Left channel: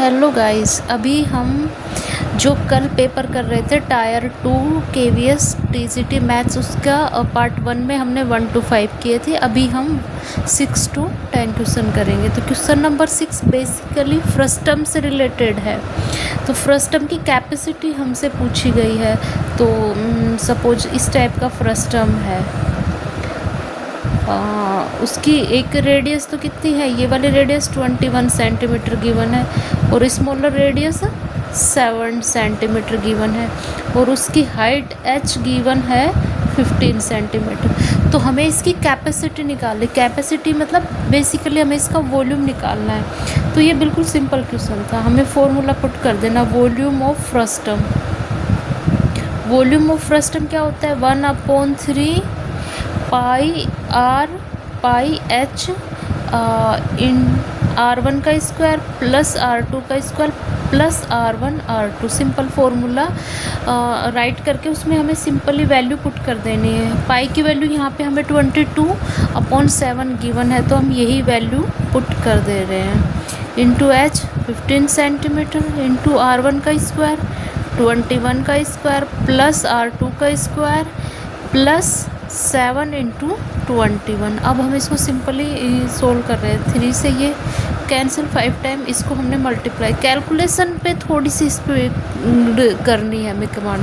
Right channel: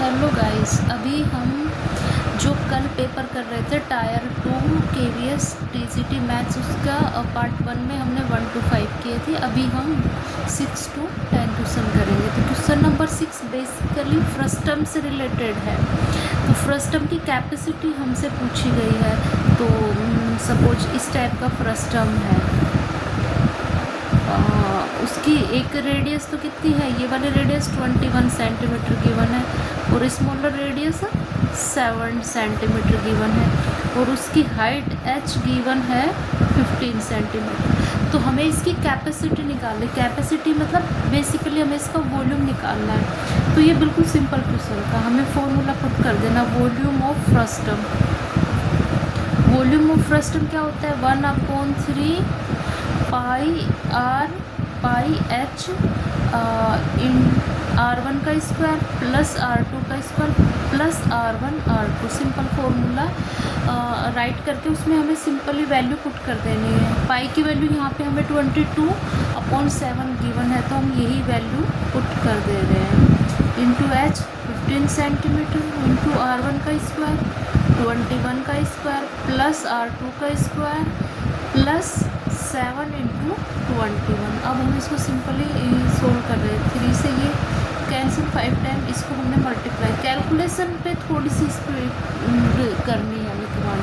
Hello guys, अभी हम जो कल पेपर कर रहे थे टायर 2 केवीएस टीजीटी मैथ्स, उसका पार्ट 1 में हमने 1 to 5 किए थे। अभी हम 6 to 10 क्वेश्चन करेंगे। तो क्वेश्चन नंबर 6 बेसिकली फ्रस्टम से रिलेटेड है। तो फ्रस्टम की कैपेसिटी हमसे पूछी गई है। तो सपोज इस टाइप का फ्रस्टम है, उसकी एक रेडियस तो कितनी है, ये वाली रेडियस 21 सेंटीमीटर गिवन है और स्मॉलर रेडियस 7 सेंटीमीटर गिवन है और उसकी हाइट h गिवन है 15 सेंटीमीटर। तो हमें इसकी कैपेसिटी निकालनी, कैपेसिटी मतलब बेसिकली हमें इसका वॉल्यूम निकालना है। तो ये बिल्कुल सिंपल क्वेश्चन था, हमें फॉर्मूला पुट कर देना, volume of frustum. Volume of frustum क्या होता है, 1/3 पाई h इन R1 का स्क्वायर प्लस R2 का square plus R1 R2। Simple formula right करके उसमें हमें सिंपली वैल्यू पुट कर देनी है। पाई की वैल्यू यहाँ पे हमें 22/7 गिवन है, तो हम यही वैल्यू पुट कर दे रहे हैं। Into h 15 centimetre into R1 का स्क्वायर 21 का स्क्वायर प्लस R2 का स्क्वायर प्लस 7 इंटू 21। अब हम इसको सिंपली सोल्व कर रहे हैं। 3 से ये कैंसिल, 5 टाइम इसको हमने मल्टीप्लाई, कैलकुलेशन पे थोड़ी सी स्पीड करनी है हमें कमांड।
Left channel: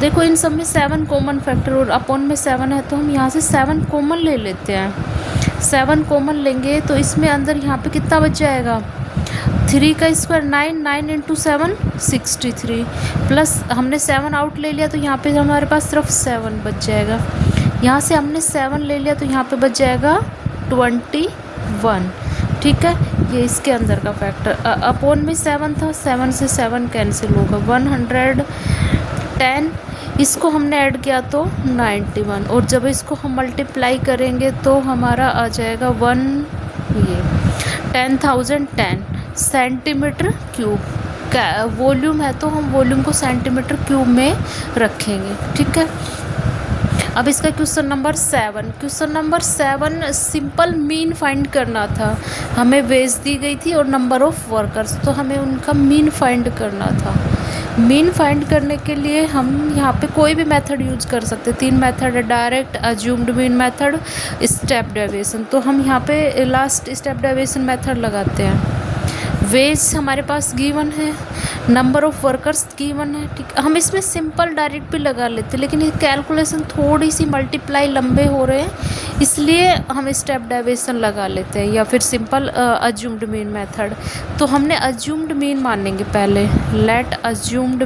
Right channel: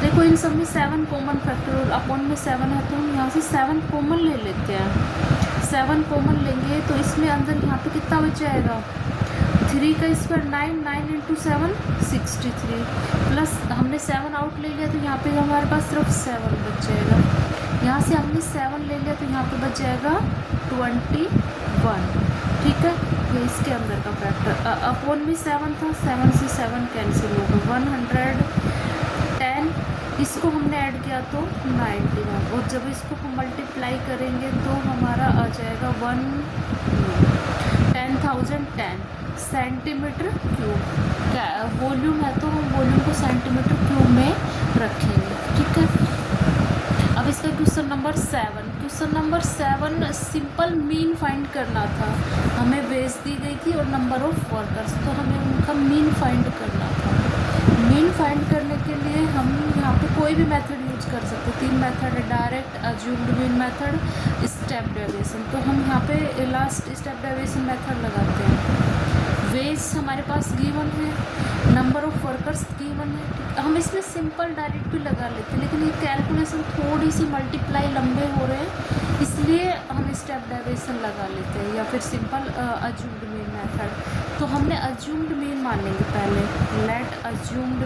देखो इन सब में 7 कॉमन फैक्टर और अपॉन में 7 है, तो हम यहाँ से 7 कॉमन ले लेते हैं। 7 कॉमन लेंगे तो इसमें अंदर यहाँ पे कितना बच जाएगा, 3 का स्क्वायर 9 इंटू 7 63 प्लस हमने 7 आउट ले लिया, तो यहाँ पे हमारे पास सिर्फ 7 बच जाएगा। यहाँ से हमने 7 ले लिया, तो यहाँ पे बच जाएगा 21। ठीक है, ये इसके अंदर का फैक्टर। अपॉन में 7 था, 7 से 7 कैंसिल होगा, 110। इसको हमने ऐड किया तो 91 और जब इसको हम मल्टीप्लाई करेंगे तो हमारा आ जाएगा 10,010 सेंटीमीटर क्यूब। वॉल्यूम है तो हम वॉल्यूम को सेंटीमीटर क्यूब में रखेंगे। ठीक है, अब इसका question number 7 simple mean find करना था। हमें वेज दी गई थी और नंबर ऑफ वर्कर्स, तो हमें उनका मीन फाइंड करना था। मीन फाइंड करने के लिए हम यहाँ पे कोई भी मेथड यूज कर सकते हैं। 3 मेथड है, direct, assumed mean method, step deviation. तो हम यहाँ पे लास्ट स्टेप डेविएशन मेथड लगाते हैं। वेज हमारे पास गिवन है, नंबर ऑफ वर्कर्स गिवन है। ठीक, हम इसमें सिंपल डायरेक्ट भी लगा लेते हैं, लेकिन ये कैलकुलेशन थोड़ी सी मल्टीप्लाई लंबे हो रहे हैं, इसलिए हम स्टेप डेविएशन लगा लेते हैं या फिर सिंपल अज्यूम्ड मीन मेथड। तो हमने अज्यूम्ड मीन मानेंगे पहले। लेट अज्यूम्ड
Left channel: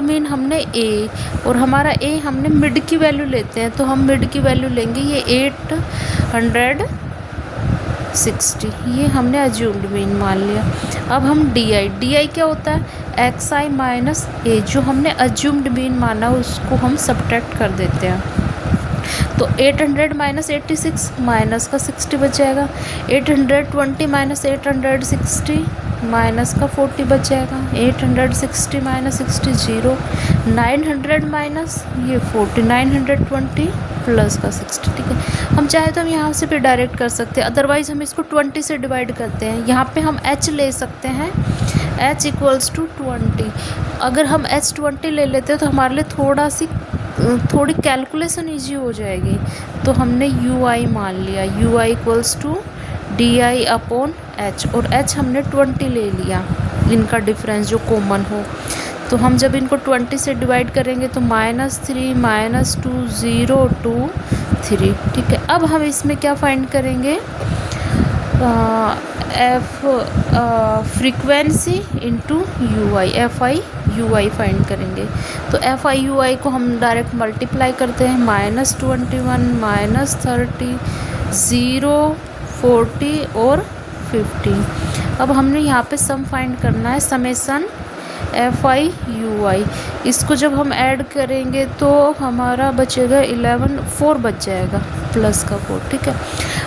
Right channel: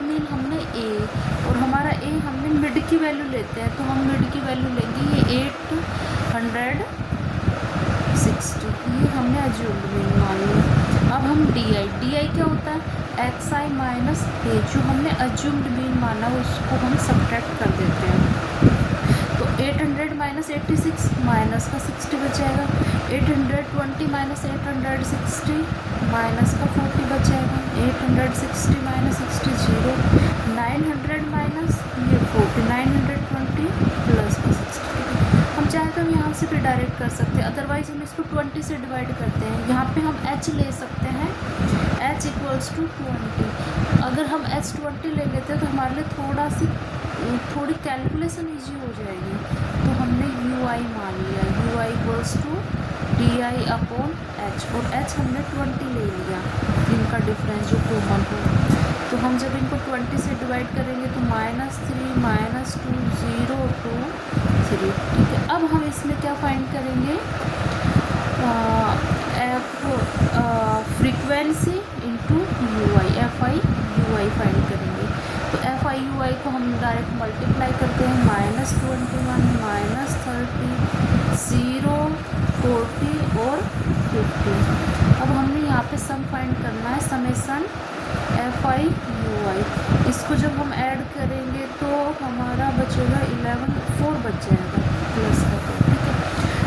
मीन हमने ए, और हमारा ए हमने मिड की वैल्यू लेते हैं, तो हम मिड की वैल्यू लेंगे ये 860। ये हमने अज्यूम्ड मीन मान लिया। अब हम डी आई क्या होता है, xi माइनस ए, जो हमने अज्यूम्ड मीन माना उसको हम सब्ट्रैक्ट कर देते हैं। तो 800 माइनस 86 माइनस का 60 बच जाएगा। 820 माइनस 860 माइनस का 40 बच जाएगा। 860 माइनस 60 0। 900 माइनस ये 40, 920 प्लस का 60। ठीक है, हम चाहे तो हम यहाँ से भी डायरेक्ट कर सकते हैं, अदरवाइज़ हम इसको 20 से डिवाइड करते हैं। यहाँ पे हम h ले सकते हैं, h इक्वल्स टू 20। अगर हम h 20 ले लेते हैं तो हमारे लिए थोड़ी कैलकुलेशन ईजी हो जाएगी। तो हमने ui मान लिया, ui equals to di upon h, और h हमने 20 ले लिया, इनका डिफरेंस जो कॉमन हो। तो हम जब इनको 20 से डिवाइड करेंगे तो -3 -2 0 2 3। ठीक है, अब हम इसमें क्या फाइंड करेंगे, frequency into ui, FI/UI find करेंगे। तो FI/UI को हम डायरेक्ट मल्टीप्लाई करते हैं, -21 -30 0 40 और 50। अब हमने यहाँ पे सम फाइंड करना है, समेसन FI/UI। इसको जब हम ऐड करेंगे तो हमारा बचेगा 4 बच जाएगा, प्लस का 4। ठीक है,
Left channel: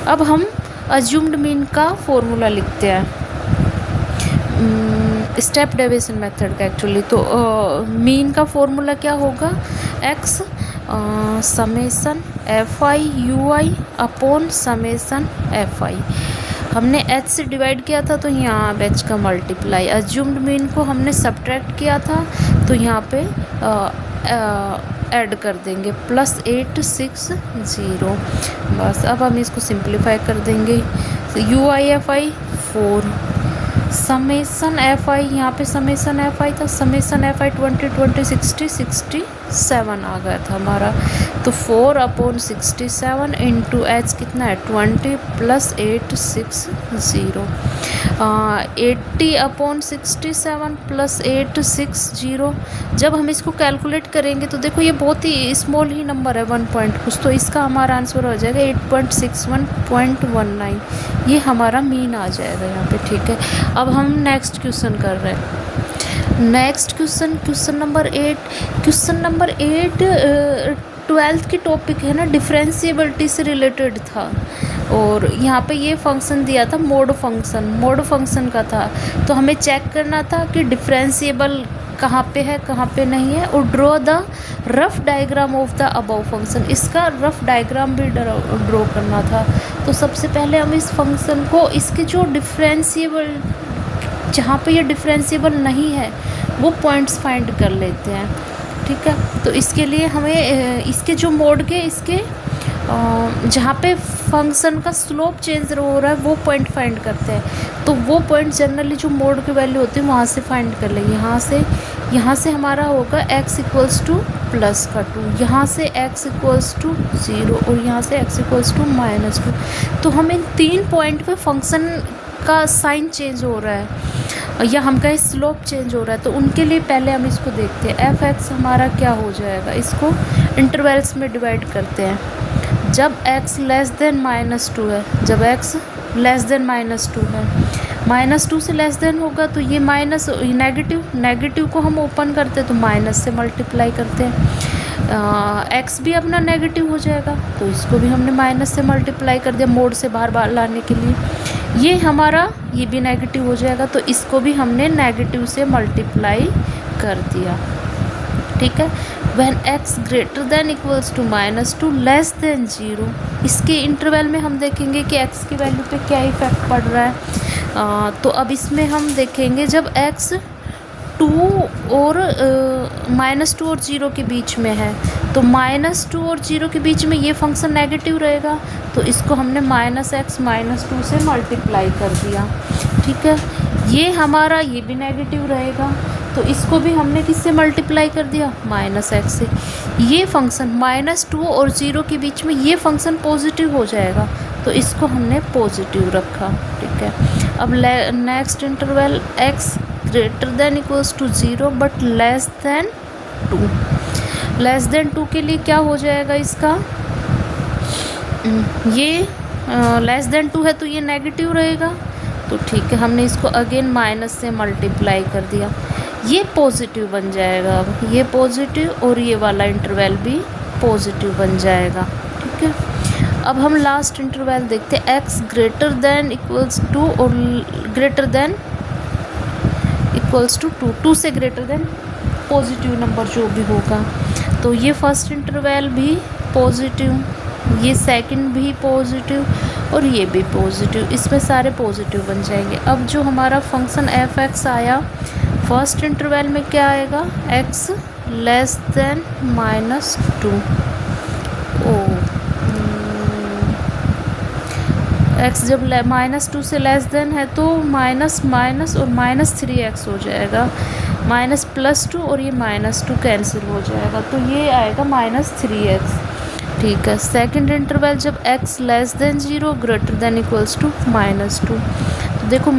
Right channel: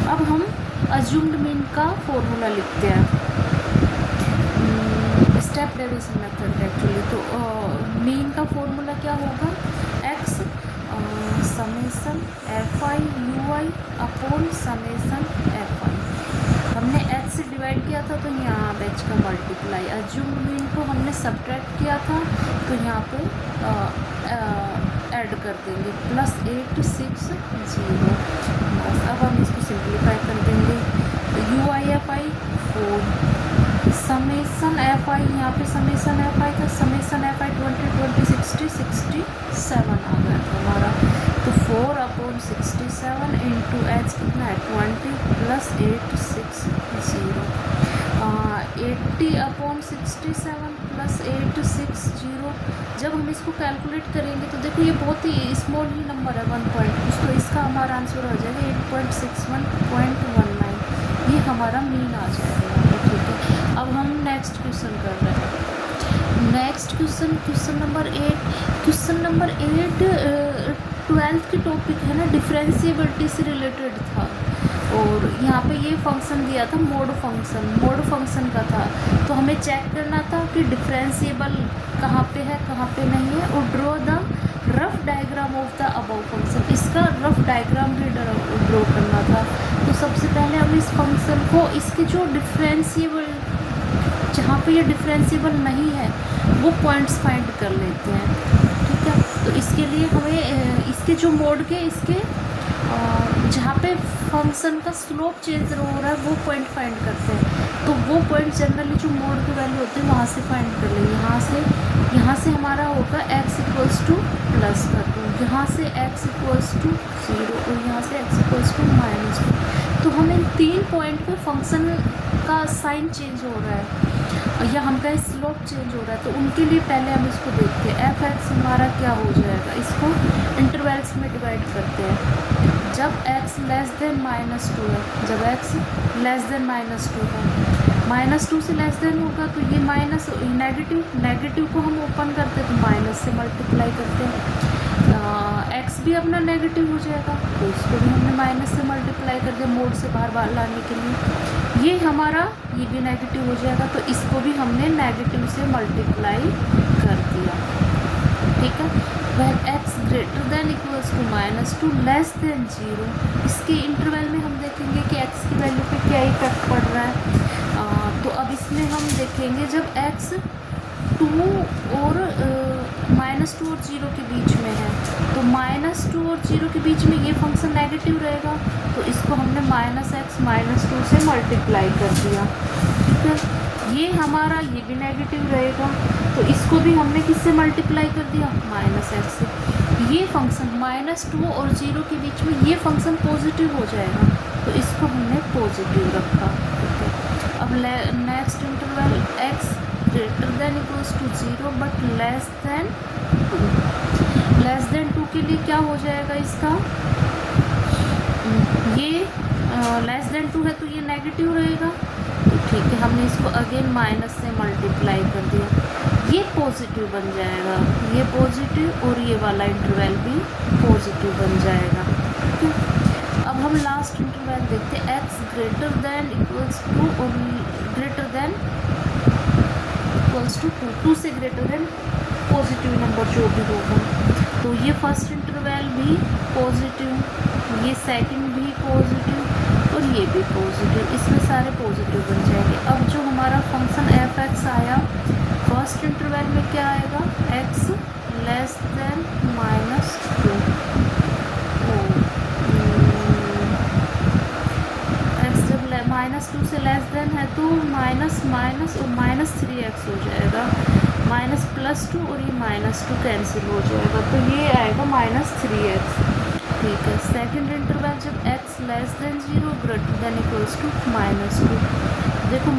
अब हम अज्यूम्ड मीन का फॉर्मूला लिखते हैं, स्टेप डेविएशन मेथड का एक्चुअली। तो मीन का फॉर्मूला क्या होगा, x summation F I you I upon summation F I. हमने एच से डिवाइड किया था तो यहाँ अब एच का मल्टीप्लाई, अज्यूम्ड मीन को हमने सब्ट्रैक्ट किया था तो यहाँ पे ऐड कर देंगे +860। बस अब हम इसको सिंप्लीफाई कर देंगे। You I F I 4 summation F I, यहाँ पे समेसन एफ आई था, समेसन एफ आई 20 आ गया था हमारा। तो 4/67 इंटू एच कितना है 20 + 860, 80/67 + 860। जब हम इसको कैलकुलेट करेंगे तो देखो ये बहुत ही स्मॉल ही नंबर है, 1 पॉइंट कुछ, तो इसका हमारा आंसर हो जाएगा 8.61.19। ये हमारा मीन आ जाएगा यहाँ पे, ठीक है। अब हम नेक्स्ट क्वेश्चन कर रहे हैं। Next question number 8। Question number 8 12th की टॉपिक है ना, डिफरेंशिएबिलिटी से रिलेटेड था। और यहाँ पे ये फंक्शन दिया था मोड फंक्शन का था। तो हमें चेक करना था कि डिफरेंशिएबल कहाँ पे है कहाँ पे नहीं है, और draw the rough diagram of the above function. इसका रफ डायग्राम भी ड्रॉ करना था। तो सबसे पहले हम इस फंक्शन को, इसके जो डिफरेंशिएबल, जहाँ पे ये डिफरेंशिएबल नहीं है वो पॉइंट्स फाइंड कर लेते हैं, ठीक है। तो इसके लिए हमें इसके जो मोड के, इसके जहाँ पे फंक्शन का स्लोप चेंज हो रहा है वो पॉइंट फाइंड करते हैं। तो वो पॉइंट जनरली जो मोड की वैल्यू होती है वहाँ से फाइंड कर लेंगे। यहाँ से हमारा होगा x = +2, यहाँ से x = 0 और यहाँ से x = -2। तो हमें 3 पॉइंट पे फंक्शन का साइन चेंज हो रहा है या हम कहीं स्लोप चेंज हो रहा है। तो उनके लिए पहले हम इसको देखते हैं। f(x) हमारा क्या हो जाएगा, इसको इंटरवल्स में डिवाइड करते हैं। जब x <−2 है, जब x <−2 है, -2 से लेस देन होगा तो ये माइनस, नेगेटिव को हम ओपन करते हैं तो माइनस से मल्टीप्लाई करते हैं। x भी अपना नेगेटिव हो जाएगा तो इसको भी हमने माइनस से मल्टीप्लाई कर दिया मोड से बाहर लाने के लिए। ये हमारा, ये भी नेगेटिव हो जाएगा तो इसको भी हमने नेगेटिव से मल्टीप्लाई कर दिया, ठीक है। When x > -2 <2 इसके इंटरवल में हम देखेंगे कि x की वैल्यू पे क्या इफेक्ट पड़ रहा है। तो अब इसमें हम देखेंगे जब x 2 और -2 और 0 के बीच में है तो -2 और 0 के बीच में ये फंक्शन नेगेटिव रहेगा तो इसको हमने -x -2 से मल्टीप्लाई कर दिया, ठीक है। ये हमारा, ये भी नेगेटिव रहेगा तो इसको भी हमने किससे मल्टीप्लाई कर दिया, -x से। ये फंक्शन -2 और 0 के बीच में ये फंक्शन पॉजिटिव हो जाएगा तो इसको हमने पॉजिटिव रखा, ठीक है। अब नेक्स्ट इंटरवल x > 0 बट <2 के लिए क्या हो जाएगा इसका, ये <2 है तो ये नेगेटिव रहेगा तो ठीक है, हमने इसको अगेन माइनस से मल्टीप्लाई कर दिया, ये पॉजिटिव बन जाएगा। अब ये पॉजिटिव और ये वाला इंटरवल भी पॉजिटिव बन जाएगा, ठीक है। अब हम लास्ट इंटरवल देखते हैं, x > 2 और >2 से ग्रेटर देन पॉजिटिव नंबर जो भी होगा। तो ये फर्स्ट इंटरवल भी पॉजिटिव, ये सेकंड भी पॉजिटिव और ये भी पॉजिटिव, इसमें सारे पॉजिटिव बन जाएंगे। अब जो हमारा फंक्शन f(x) आया फर्स्ट इंटरवल में क्या आएगा, x <−2 x जब -2 से लेस देन है तो माइनस और -3x हो जाएगा, -+2 और ये -2 कैंसिल हो जाएगा तो ये आएगा -3x, ठीक है। सेकंड इंटरवल जब x <0 greater than equals to -2 तो देखो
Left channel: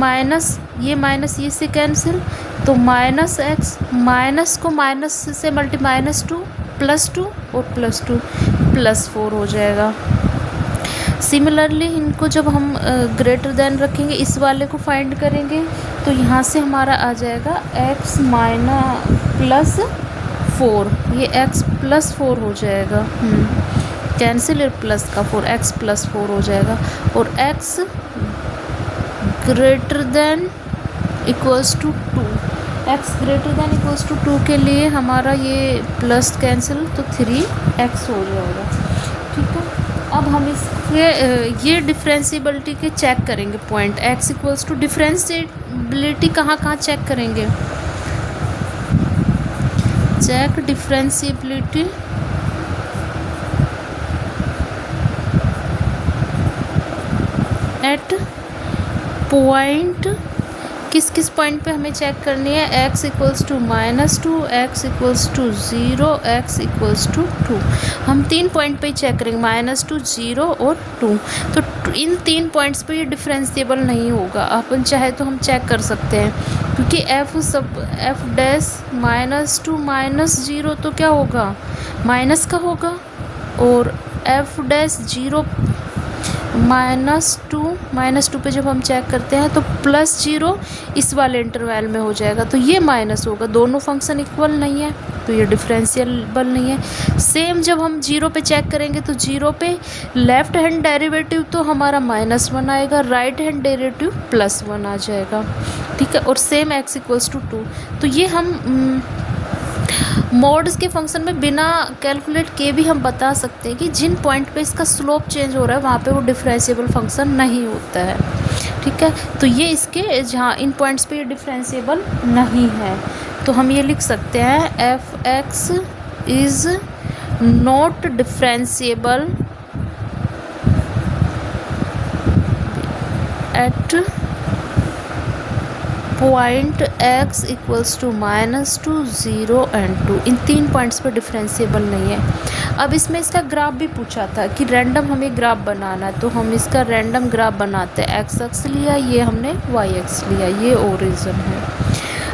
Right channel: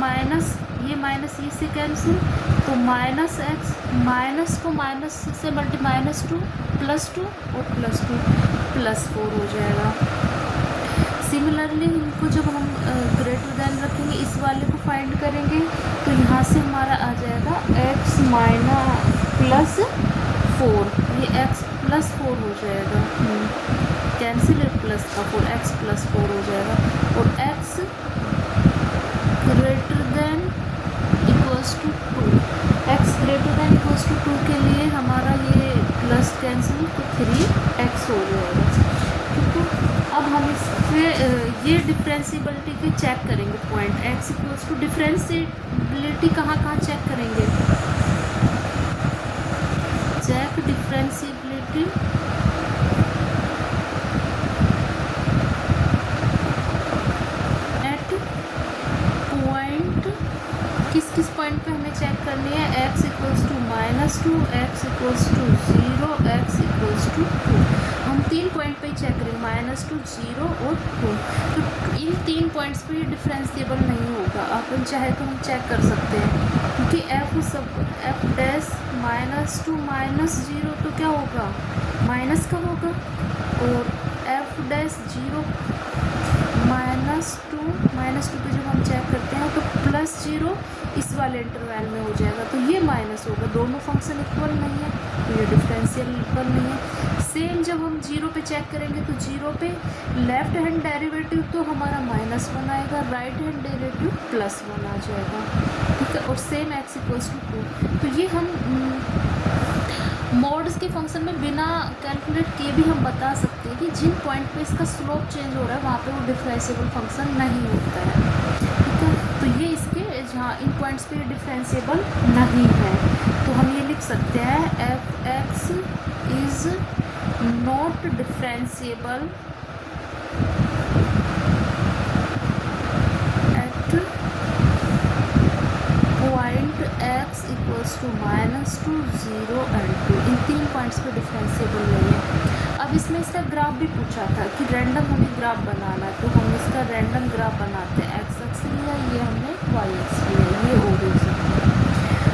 ये माइनस ये से कैंसिल तो -x माइनस को माइनस से -2 +2 और +2 +4 हो जाएगा। सिमिलरली इनको जब हम ग्रेटर देन रखेंगे, इस वाले को फाइंड करेंगे तो यहाँ से हमारा आ जाएगा x -+4, ये x +4 हो जाएगा, कैंसिल प्लस का 4x +4 हो जाएगा और x <= 2 x greater than equals to 2 के लिए हमारा ये प्लस कैंसिल, तो 3x हो जाएगा। ठीक है, अब हम इसके ये डिफ्रेंशिएबिलिटी के चेक करेंगे point x equals to, differentiability कहाँ कहाँ चेक करेंगे, चेक डिफ्रेंशिएबिलिटी एट पॉइंट, किस किस पॉइंट पे हमें चेक करनी है, x equals to -2, x equals to 0, x equals to 2। हम 3 पॉइंट पे ही चेक करेंगे, -2, 0 और 2। तो इन 3 पॉइंट्स पे ये डिफरेंशिएबल नहीं होगा। अपन चाहे तो हम चेक कर सकते हैं, क्योंकि f डैश -2 -0 तो क्या होगा, माइनस का होगा, और f डैश 0 -2 पे जब हम चेक करते हैं तो +0 इस वाले इंटरवल में हो जाएगा, तो ये माइनस होगा। दोनों फंक्शन इक्वल नहीं है, तो ये डिफरेंशिएबल नहीं है। सेम जब हम 0 पे चेक करेंगे तो 0 पे लेफ्ट हैंड डेरिवेटिव तो हमारा -1 आएगा, राइट हैंड डेरिवेटिव +1 आ जाएगा। ठीक है, और सेम x इक्वल्स टू 2। तो ये हम मोड्स के फंक्शन में बिना कैलकुलेट किए भी हम बता सकते हैं कि जिन पॉइंट पे इसका स्लोप चेंज हो रहा है वहाँ पे वो डिफरेंशिएबल फंक्शन नहीं होता है। ठीक है, तो ये इसके जहाँ इन पॉइंट्स पे ये डिफरेंशिएबल नहीं है, तो हम ये लिख सकते हैं f(x) is not differentiable at point x equals to -2, 0 and 2। इन 3 पॉइंट्स पर डिफरेंशिएबल नहीं है। अब इसमें इसका ग्राफ भी पूछा था कि रैंडम हमें ग्राफ बनाना है, तो हम इसका रैंडम ग्राफ बनाते हैं। x अक्ष लिया, ये हमने y अक्ष लिया, ये ओरिजिन है।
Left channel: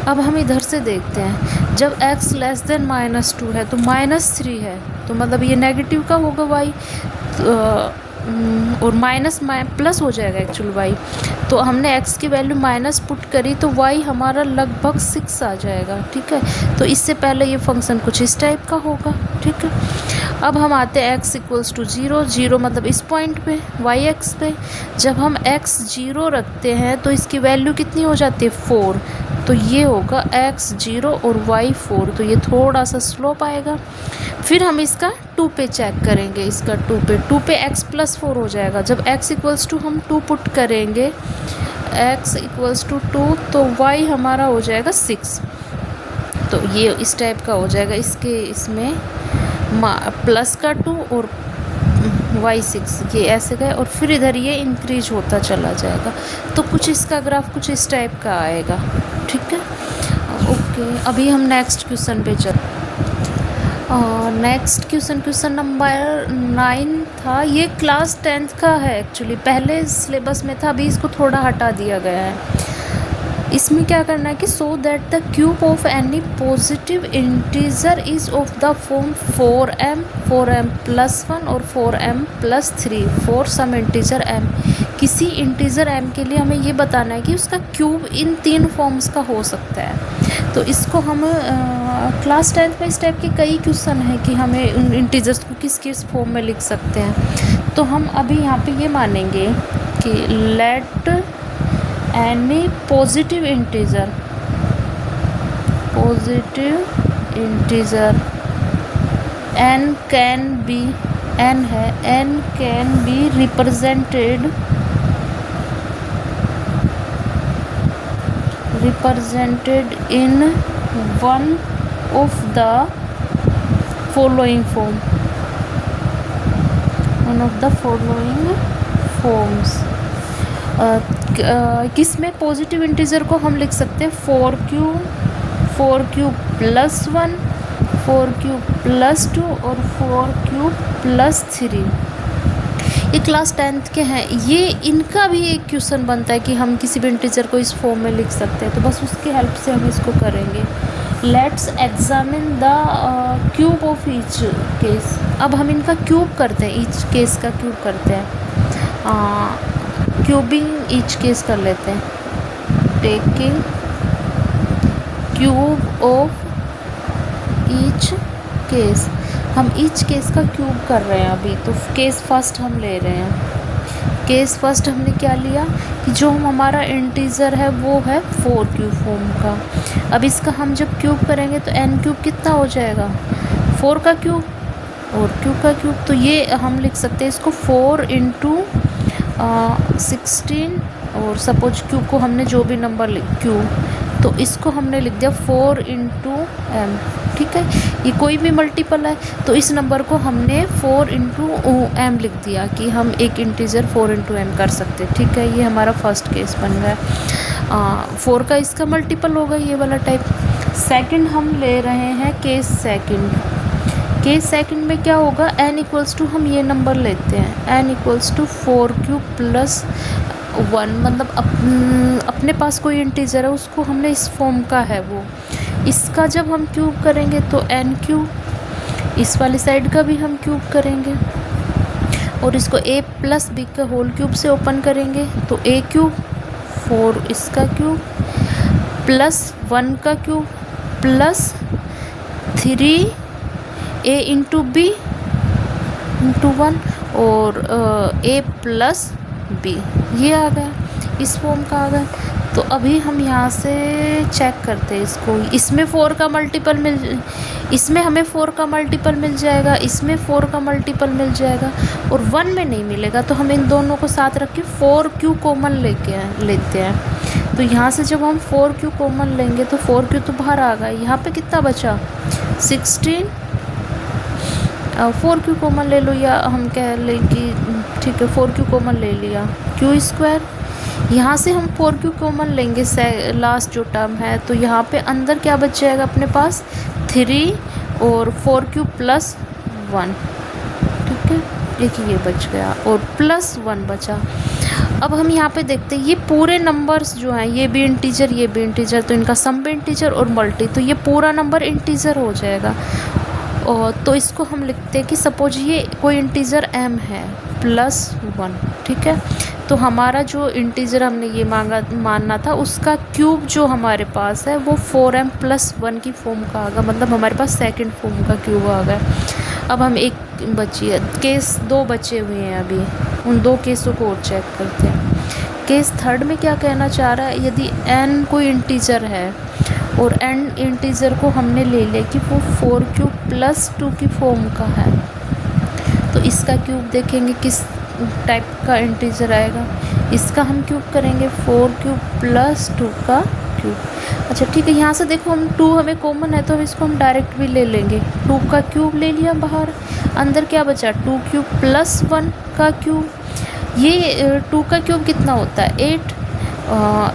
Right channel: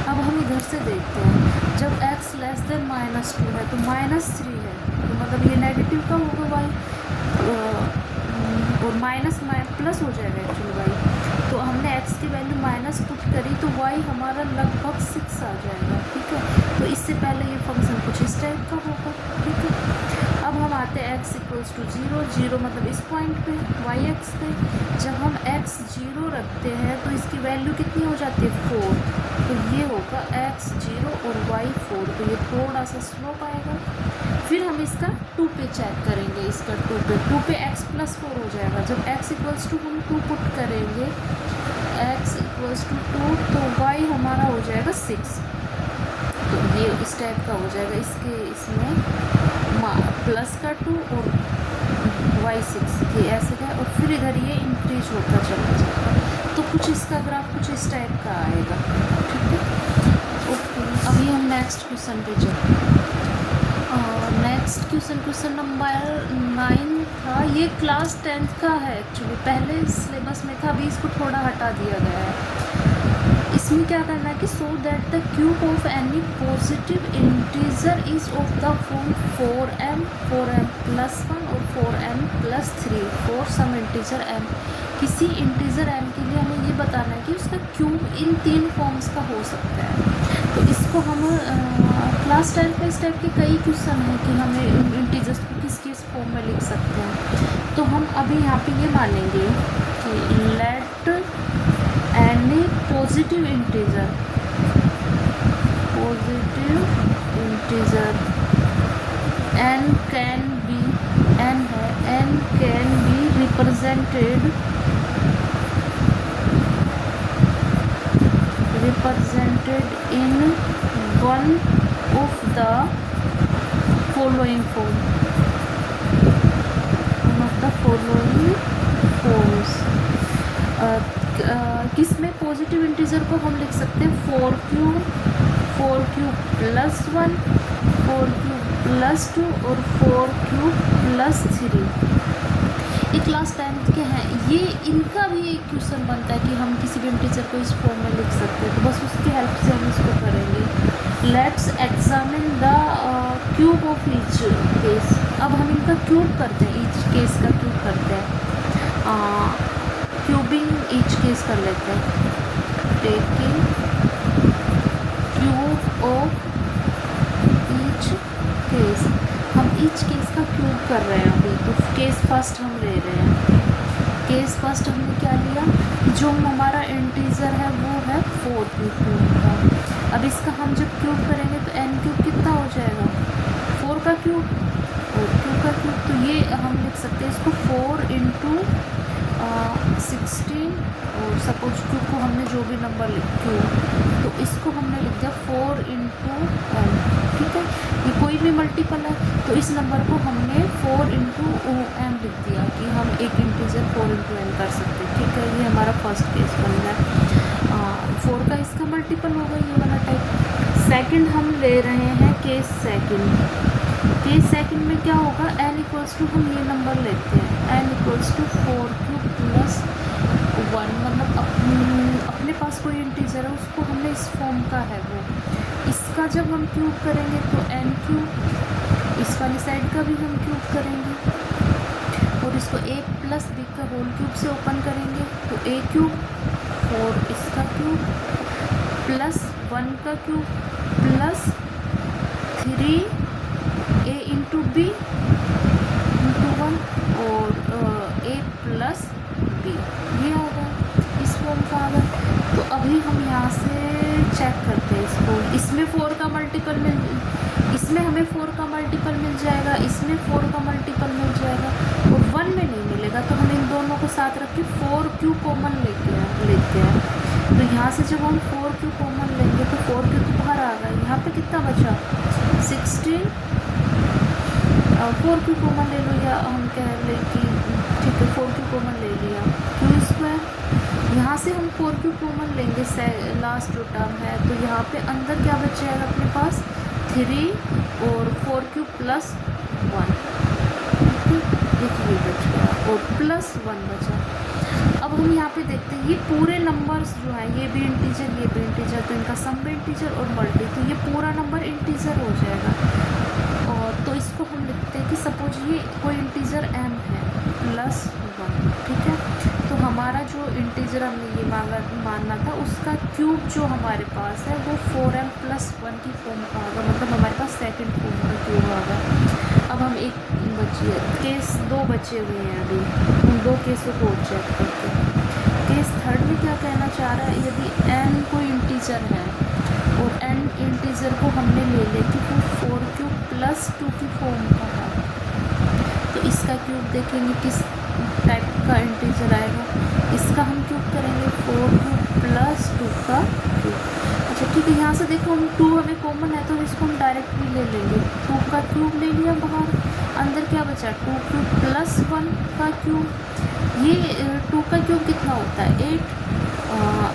अब हम इधर से देखते हैं, जब x लेस देन -2 है तो -3 है, तो मतलब ये नेगेटिव का होगा y, और माइनस प्लस हो जाएगा एक्चुअल y। तो हमने x की वैल्यू माइनस पुट करी तो y हमारा लगभग 6 आ जाएगा। ठीक है, तो इससे पहले ये फंक्शन कुछ इस टाइप का होगा। ठीक है, अब हम आते हैं x इक्वल्स टू 0, 0 मतलब इस पॉइंट पे y एक्स पे। जब हम x 0 रखते हैं तो इसकी वैल्यू कितनी हो जाती है, 4। तो ये होगा x 0 और y 4, तो ये थोड़ा सा स्लोप आएगा। फिर हम इसका 2 पे चेक करेंगे, इसका 2 पे x + 4 हो जाएगा। जब x इक्वल्स टू हम 2 पुट करेंगे, x इक्वल्स टू 2, तो y हमारा हो जाएगा 6। तो ये इस टाइप का हो जाएगा, इसमें प्लस का 2 और y 6, ये ऐसे गए, और फिर इधर ये इंक्रीज होता चला जाएगा। तो कुछ इसका ग्राफ कुछ इस टाइप का आएगा। ठीक है, ओके। अभी हम नेक्स्ट क्वेश्चन पे चलते हैं। नेक्स्ट क्वेश्चन नंबर 9 था। ये क्लास 10th का है एक्चुअली, पहले सिलेबस में था, अभी इसको थोड़ा हटा दिया गया है। इसमें क्या करना है कि so that the cube of any positive integer is of the form 4m, 4m+1 और 4m+3 for some integer m। किसी इंटीजर m के लिए हमें ये बताना है कि उसका क्यूब इन 3 फॉर्म्स का हो सकता है। तो इसको हम क्लास 10th में इस टाइप के कई क्वेश्चन हैं कि हमें इंटीजर्स को किस किस फॉर्म में लिख सकते हैं। तो हम अभी यहाँ पे ये मानेंगे कि let any positive integer n can be, n है, n can be represented in one of the following forms। किसमें पॉजिटिव इंटीजर को हम लिख सकते हैं 4q+1, 4q+2 और 4q+3। ये क्लास 10th के हैं। ये इनका भी एक क्वेश्चन बनता है कि हम किसी भी इंटीजर को इस फॉर्म में लिख सकते हैं, तो बस उसकी हेल्प से हम इसको करेंगे। Let's examine the cube of each case. अब हम इनका क्यूब करते हैं, ईच केस का क्यूब करते हैं, क्यूबिंग ईच केस कर लेते हैं। Taking cube of each case, हम ईच केस का क्यूब कर रहे हैं अभी, तो केस फर्स्ट हम ले रहे हैं। केस फर्स्ट हमने क्या लिया कि जो हमारा इंटीजर है वो है 4 क्यूब फॉर्म का। अब इसका हम जब क्यूब करेंगे तो n क्यूब कितना हो जाएगा, 4 का क्यूब और क्यूब का क्यूब। तो ये हम लिख सकते हैं इसको 4 इंटू 16, और सपोज क्यूब को हमने जो भी नंबर क्यूब, तो इसको हमने लिख दिया 4 इंटू एम। ठीक है, ये कोई भी मल्टीपल है तो इस नंबर को हमने 4 इंटू एम लिख दिया कि हम एक इंटीजर 4 इंटू एम कर सकते हैं। ठीक है, ये हमारा फर्स्ट केस बन गया। 4 का इसका मल्टीपल होगा ये वाला टाइप। सेकंड हम ले रहे हैं केस सेकंड। केस सेकंड में क्या होगा, n इक्वल्स टू हम ये नंबर लेते हैं n equals to 4 cube plus 1, मतलब अपने पास कोई इंटीजर है उसको हमने इस फॉर्म का है वो, इसका जब हम क्यूब करेंगे तो n क्यूब, इस वाली साइड का भी हम क्यूब करेंगे और इसको a प्लस बी का होल क्यूब से ओपन करेंगे तो a क्यूब 4 इसका क्यूब प्लस 1 का cube plus 3 a into b into 1 और a प्लस बी, ये आ गया, इस फॉर्म का आ गया। तो अभी हम यहाँ से चेक करते हैं इसको, इसमें 4 का मल्टीपल इसमें हमें 4 का मल्टीपल मिल जाएगा, इसमें 4 का मल्टीपल मिल जाएगा और 1 में नहीं मिलेगा। तो हम इन दोनों को साथ रख के 4 क्यू कॉमन लेते हैं। तो यहाँ से जब हम 4 क्यू कॉमन लेंगे तो 4 क्यू तो बाहर आ गया, यहाँ पे कितना बचा 16, 4 क्यू कॉमन ले लो या हम कह लें कि ठीक है 4 क्यू कॉमन ले लिया, क्यू स्क्वायर। यहाँ से हम 4 क्यू कॉमन लेंगे लास्ट जो टर्म है, तो यहाँ पे अंदर क्या बच जाएगा अपने पास 3 और 4 क्यू प्लस 1। ठीक है, एक ये बच गया और प्लस 1 बचा। अब हम यहाँ पे देखते हैं ये पूरे नंबर्स जो हैं ये भी इंटीजर ये भी इंटीजर, तो इनका सम भी इंटीजर और मल्टी, तो ये पूरा नंबर इंटीजर हो जाएगा। और तो इसको हम लिखते हैं कि सपोज ये कोई इंटीजर m है प्लस 1। ठीक है, तो हमारा जो इंटीजर हमने ये मानना था उसका क्यूब जो हमारे पास है वो 4m प्लस 1 की फॉर्म का आ गया, मतलब हमारे पास सेकंड फॉर्म का क्यूब आ गया। अब हम एक बची है केस 2 बचे हुए हैं, अभी उन 2 केसों को और चेक करते हैं। केस थर्ड में क्या कहना चाह रहा है, यदि n कोई इंटीजर है और n इंटीजर को हमने ले लिया कि वो 4 क्यूब प्लस 2 की फॉर्म का है, तो इसका क्यूब देखेंगे किस टाइप का इंटीजर आएगा। इसका हम क्यूब करेंगे 4 क्यूब प्लस 2 का क्यूब। अच्छा ठीक है, यहाँ से देखो हम 2 हमें कॉमन है तो इसको हम डायरेक्ट भी ले लेंगे, 2 का क्यूब ले लिया बाहर, अंदर क्या बचा 2 क्यूब प्लस 1 का क्यूब। ये 2 का क्यूब कितना होता है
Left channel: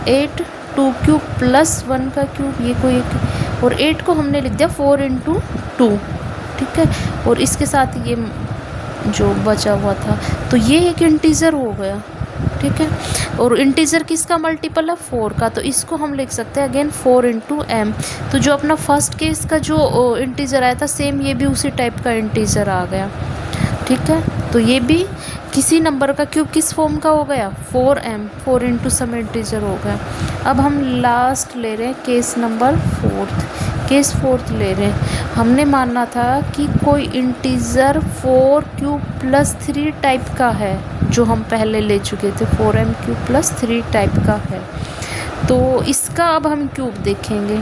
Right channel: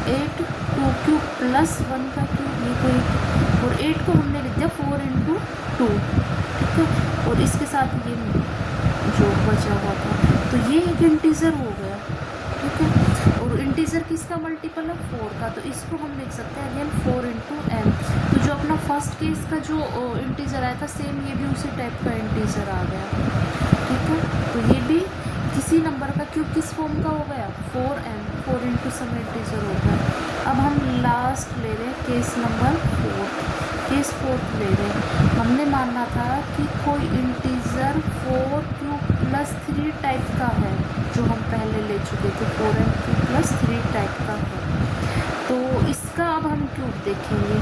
8 2 क्यूब प्लस 1 का क्यूब, ये कोई एक, और 8 को हमने लिख दिया 4 इंटू 2। ठीक है, और इसके साथ ये जो बचा हुआ था, तो ये एक इंटीजर हो गया। ठीक है, और इंटीजर किसका मल्टीपल है 4 का, तो इसको हम लिख सकते हैं अगेन 4 इंटू एम। तो जो अपना फर्स्ट केस का जो इंटीजर आया था सेम ये भी उसी टाइप का इंटीजर आ गया। ठीक है, तो ये भी किसी नंबर का क्यूब किस फॉर्म का हो गया 4m, 4 इंटू सम इंटीजर हो गया। अब हम लास्ट ले रहे हैं केस नंबर 4, केस 4 ले रहे हैं। हमने मानना था कि कोई इंटीजर 4 क्यूब प्लस 3 टाइप का है, जो हम पहले ले चुके थे 4m क्यूब प्लस 3 टाइप का है। तो इसका अब हम क्यूब देखेंगे,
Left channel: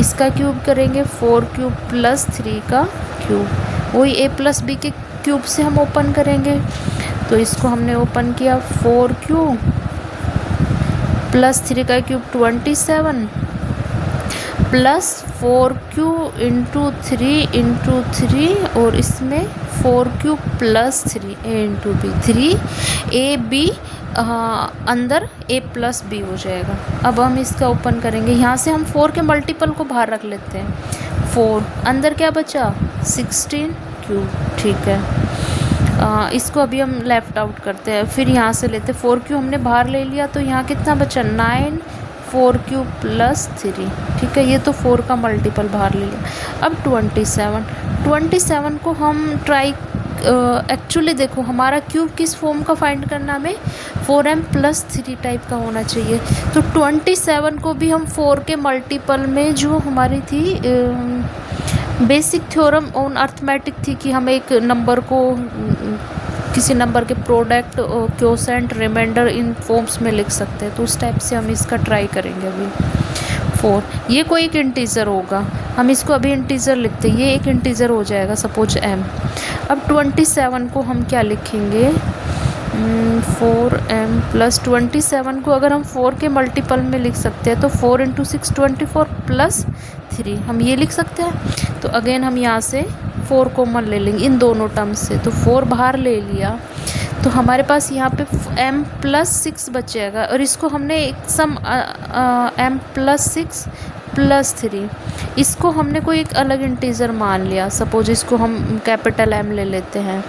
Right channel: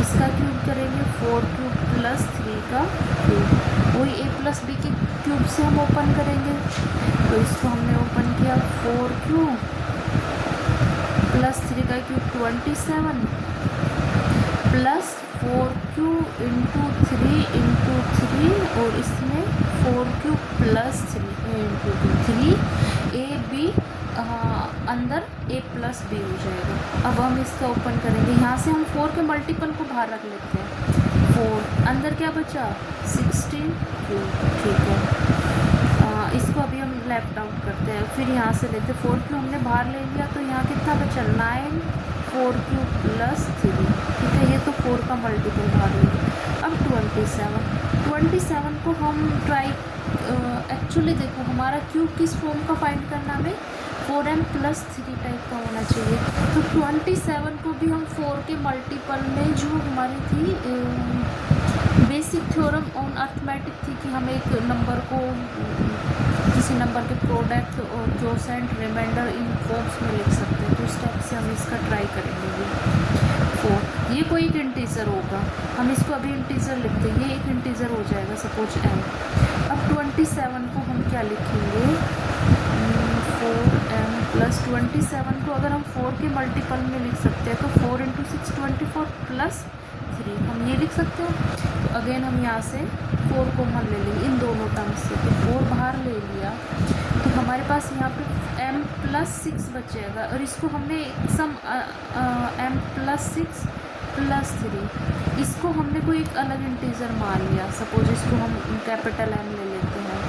इसका क्यूब करेंगे 4 क्यूब प्लस 3 का क्यूब, वही a प्लस बी के क्यूब से हम ओपन करेंगे। तो इसको हमने ओपन किया 4 क्यूब प्लस 3 का cube 27 plus 4 cube into 3 into 3 और इसमें 4 cube plus 3 a into b, 3 a b अंदर a प्लस बी हो जाएगा। अब हम इसका ओपन करेंगे, यहाँ से हम 4 के मल्टीपल को बाहर रख लेते हैं, 4 अंदर क्या बचा 16 क्यूब। ठीक है, इसको अभी हम लेफ्ट आउट करते हैं, फिर यहाँ से लेते 4 क्यूब हमने बाहर ले लिया, तो यहाँ कितना बचा 9 4 क्यूब प्लस 3। ठीक है, ये तो 4 का मल्टीपल बाहर ले लिया। अब 27 को हम ट्राई एक्चुअली देखो हमारा क्यूब किस फॉर्म का फाइंड करना, हमें 4m प्लस 3 टाइप का होना चाहिए। तो 27 को भी हम 4 के मल्टीपल में, जो हमारी थी बेसिक थ्योरम ऑन अर्थमेटिक थी कि हम एक नंबर को किसी नंबर के product, quotient, reminder in forms में लिख सकते हैं। तो उस टाइप से हम इसका ट्राई करेंगे अभी। 4 ये कोई एक इंटीजर होगा, हम इसको अभी इंटीजर लिखते हैं, ये एक इंटीजर हो जाएगा सपोज m। अब 27 को हम क्या लिखेंगे, 4m प्लस 27 को अगर हम 4 के मल्टीपल में लिख सकते हैं तो 4 × 6 24 प्लस 3 हम ये लिख सकते हैं। तो अगेन हम यहाँ से 4 कॉमन ले लेंगे इन दोनों टर्म्स से, तो 4 बाहर ले लिया तो हमारे पास यहाँ पे m प्लस 6 बचेगा, और इसको हमने एक सम m प्लस 6 प्लस 3, इसको हमने कोई एक अलग इंटीजर मान लिया, सपोज इसको हम कैपिटल M ले लेते हैं,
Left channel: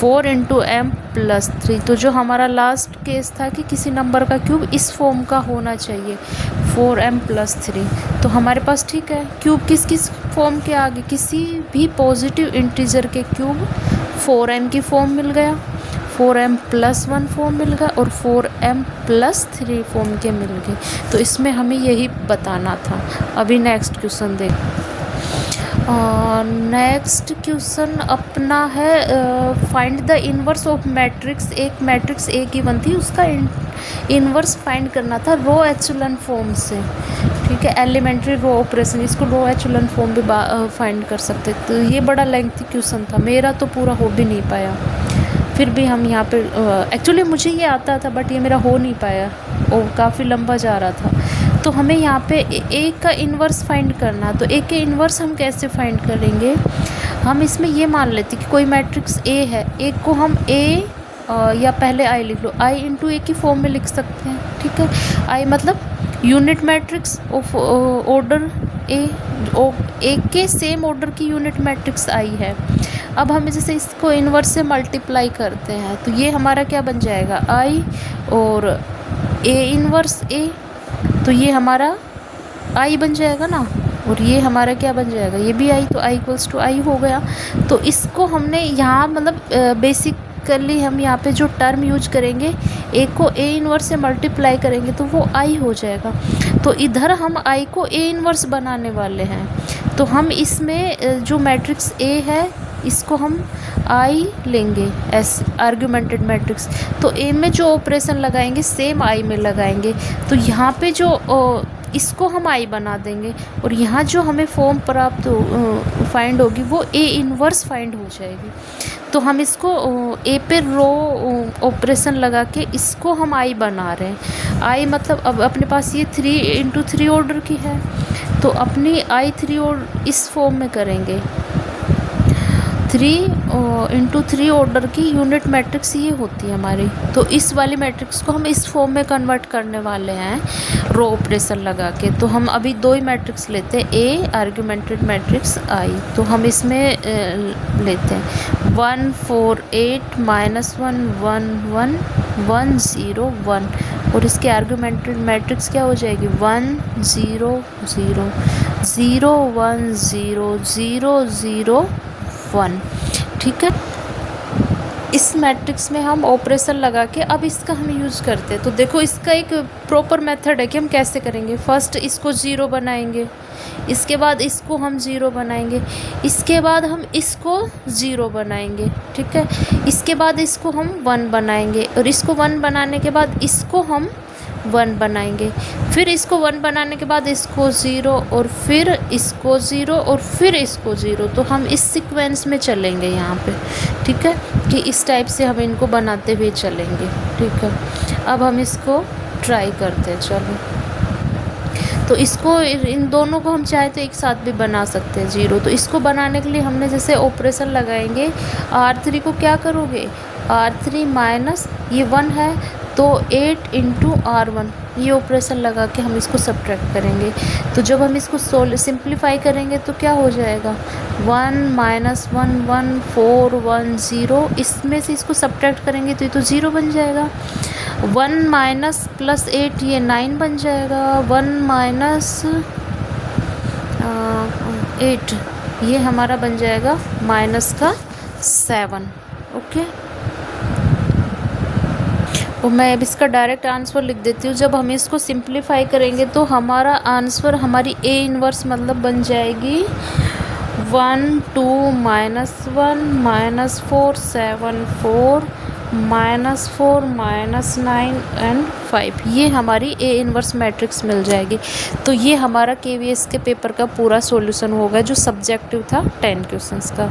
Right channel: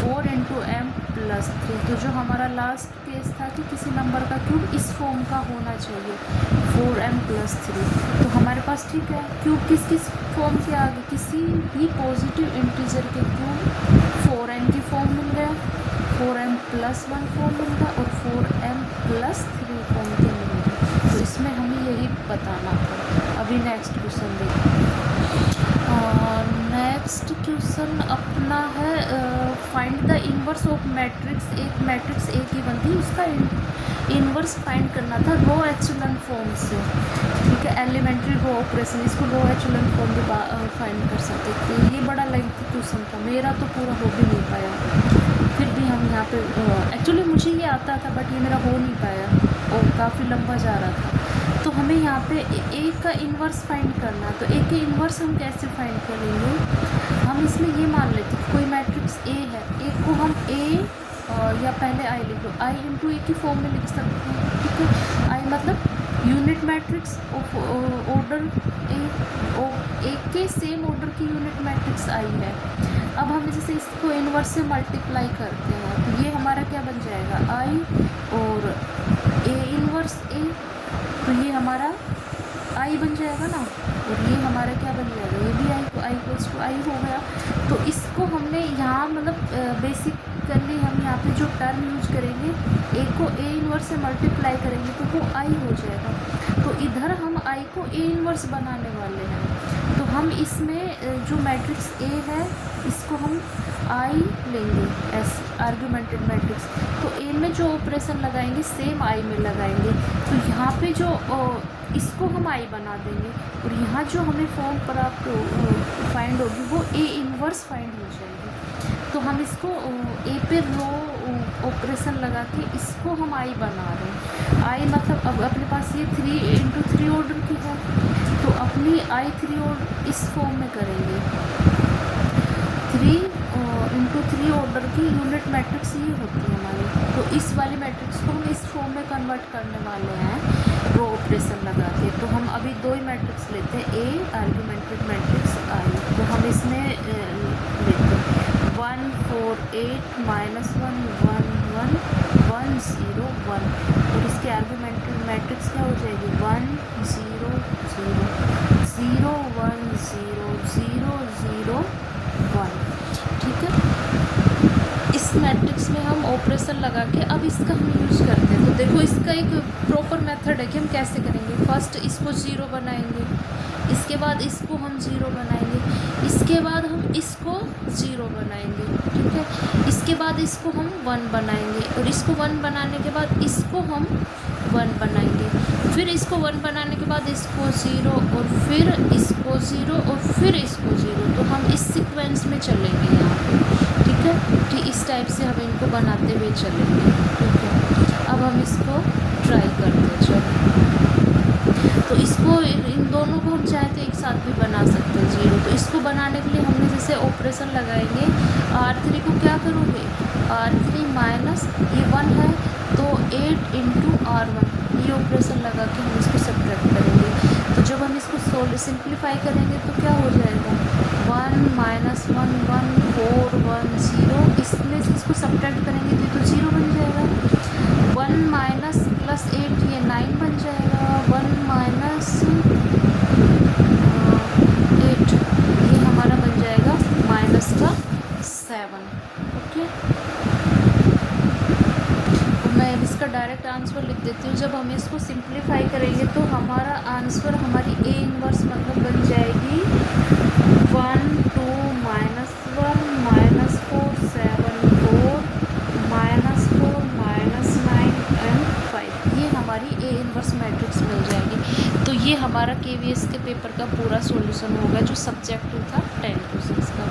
4 × m प्लस 3। तो जो हमारा लास्ट केस था कि किसी नंबर का क्यूब इस फॉर्म का होना चाहिए, 4m प्लस 3। तो हमारे पास ठीक है, क्यूब किस किस फॉर्म के आगे, किसी भी पॉजिटिव इंटीजर के क्यूब 4m की फॉर्म मिल गया, 4m प्लस 1 फॉर्म मिल गया, और 4m प्लस 3 फॉर्म के मिल गए। तो इसमें हमें यही बताना था। अभी नेक्स्ट क्वेश्चन देख, नेक्स्ट क्वेश्चन अपना है find the inverse of matrix. एक मैट्रिक्स ए गिवन थी, उसका इन्वर्स फाइंड करना था रो एचेलॉन फॉर्म से, ठीक है, एलिमेंट्री रो ऑपरेशन, इसको रो एचेलॉन फॉर्म भी फाइंड कर सकते। तो ये बड़ा लेंथी क्वेश्चन था, मेरा तो पूरा हो भी नहीं पाया, फिर भी हम यहाँ पे एक्चुअली मुझे ये आता था बट ये मेरा हो नहीं पाया और काफ़ी लंबा जा रहा था। तो हमें यहाँ पे ए का इन्वर्स फाइंड करना, तो ए के इन्वर्स हम कैसे फाइंड करेंगे, हम इसमें ये मान लेते कि कोई मैट्रिक्स ए है, ए को हम ए या पहले आई लिख लो, आई इंटू ए की फॉर्म में लिख सकते हैं, ठीक है। आई मतलब यूनिट मैट्रिक्स ऑफ ऑर्डर ए के सेम ऑर्डर की यूनिट मैट्रिक्स आई है। अब हमें जैसे इसको इन्वर्स से मल्टीप्लाई करते हैं तो ये हमारा क्या बन जाएगा, आई और ए इन्वर्स ए, तो ये हमारा आई बन जाएगा ना, और ये हमारा क्या बन जाएगा, ये भी आई, तो आई इक्वल्स टू आई हो गया। तो इसको हमने यहाँ मतलब बेसिकली हम यहाँ पे जो टर्म यूज करेंगे, ए को ए इन्वर्स से मल्टीप्लाई करेंगे तो वो आई हो जाएगा। तो इधर हम आई को ए इन्वर्स बनाने वाले हैं, तो हम इसमें जो मैट्रिक्स ए है इसको हम आई लेंगे एस आर्ग्यूमेंटेड मैट्रिक्स। तो ए में जो ऑपरेशन लगाएंगे सेम आई में लगाएंगे, तो यहाँ पे जो इसको हम आई बना देंगे, और यहाँ जो हमें फॉर्म प्राप्त फाइंड होगी वो ए इन्वर्स फाइंड हो जाएगी। तो हम इसको ए पे रो ऑपरेशन लगा के इसको हम आई बना रहे हैं। आई मतलब अब अपने पास ये 3 × 3 ऑर्डर की है, तो अपनी आई 3 और इस फॉर्म में करेंगे, 3 × 3 ऑर्डर की यूनिट मैट्रिक्स ये होती है हमारी। तो इस वाली मैट्रिक्स को हम इस फॉर्म में कन्वर्ट करने वाले हैं रो ऑपरेशन लगा के। तो हम अभी 2 ही मैट्रिक्स लेते हैं, ए आर्ग्यूमेंटेड मैट्रिक्स आई, तो हम इसमें लेते हैं 1 4 8 -1 1 1 1 0 1, और इसके आर्ग्यूमेंटेड मैट्रिक्स क्या हो जाएगी 1 0 0 0 1 0 0 0 1, ठीक है। इस मैट्रिक्स में हम ऑपरेशन लगा के अब इसका हम यूज़ करते हैं। तो देखो इसका एक प्रॉपर मेथड है कि हम कैसे करेंगे। फर्स्ट इसको 0 बनाएंगे, इसके बाद इसको हम 0 बनाएंगे, इसके बाद हम इसको 0 बनाएंगे, ठीक है। इसके बाद इसको हम 1 बनाएंगे, और इसको 1 बनाने के बाद इसको हम 1 बनाएंगे, फिर इसको 1 बनाने के बाद इसको 0, और फिर इसको 0, और फिर इसको 0। तो हम इस सीक्वेंस में चलेंगे यहाँ पे, ठीक है, कि इस टाइप से हम इनको बनाते हुए चलेंगे, ठीक है। अब हम इसको ट्राई करते हैं, चलो। तो इसको इन दोनों को हम चाहे तो एक साथ भी बना सकते हैं 0। तो इसको बनाने के लिए हमने जैसे ऑपरेशन लगाएंगे, R3 को क्या करोगे, R3 माइनस ये 1 है तो 8 × R1, ये ऑपरेशन लगा के हम इसको सब्ट्रैक्ट करेंगे। तो जब हम इसको सिंप्लीफाई करेंगे तो क्या हो जाएगा 1 - 1 1 4 1 0, इसमें से इसको सब्ट्रैक्ट करेंगे तो ये तो 0 बन जाएगा। 1 - +8 ये 9 बन जाएगा। 1 - 8 ये हमारा बन जाएगा -7, ओके। तो मैं अब इसका डायरेक्ट आंसर लिख देती हूँ। जब हम इसको सिंप्लीफाई करेंगे तो हमारा आंसर हमारी ए इन्वर्स मतलब बन जाएगी 1 2 -1 -4 7 4 -4 -9 एंड 5, ये हमारी ए इनवर्स मैट्रिक्स मिल जाएगी। तो ये हमारा केवीएस के पेपर का पूरा सॉल्यूशन होगा जो सब्जेक्टिव था 10 क्वेश्चंस का।